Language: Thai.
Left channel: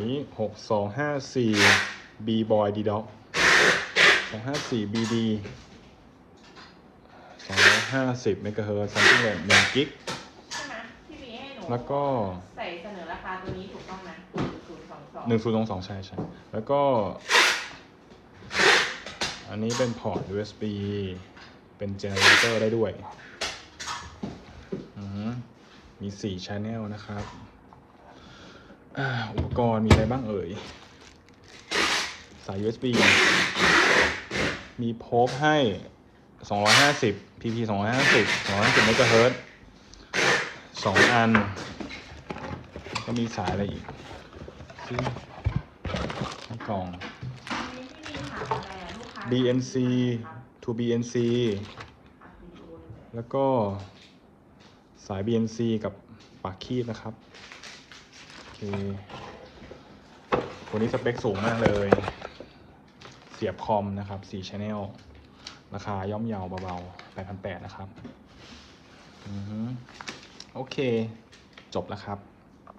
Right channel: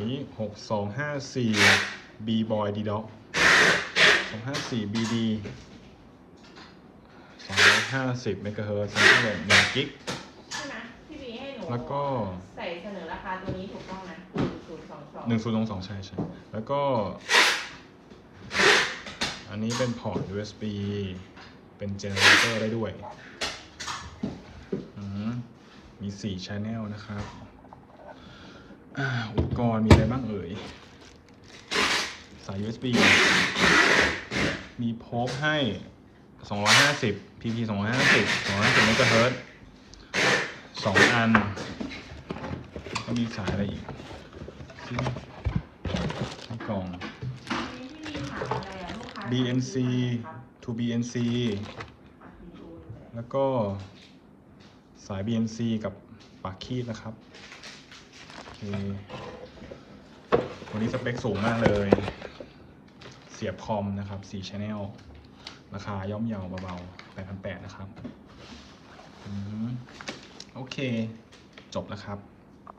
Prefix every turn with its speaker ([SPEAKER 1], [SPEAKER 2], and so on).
[SPEAKER 1] นี้หกสองห้าสี่ B boy D dog สองห้าสี่ BD สองร้อยห้าสิบเมกะเฮิร์ตซัมซิงแหหนึ่งกิก
[SPEAKER 2] ใช่ไหมพี่บีให้หนู
[SPEAKER 1] แล้วก็
[SPEAKER 2] ใส่เสนอราคาตัวนี้ถูกต้องนะหนึ่งศูนย์สองสอง
[SPEAKER 1] หนึ่งศูนย์สองสองใช่ใช่แล้วก็ อันนี้เป็นพอร์ต USB เป็นเจเนเรเตอร์ได้ด้วยอืมมีสี่ช n e l นะครับ อุปกรณ์มีอะไรบ้างเอ่ย สาย USB มีโพกให้ 250 PP 250 250เมกะเฮิรตซ์สองอัน ก็มีสายอะไรอีกในกล่อง
[SPEAKER 2] อันนี้พี่บีถามอะไรอะลูกค้า
[SPEAKER 1] BNC to BNC แล้วก็สาย BNC กับปากคีบนะครับ ตัวนี้สเปคสูงมากเลย เสียบคอมนะครับ4 Channel ราคาย่อมเยาวเบาๆ8,800 นะครับอือฮึโอเค จบแล้วครับ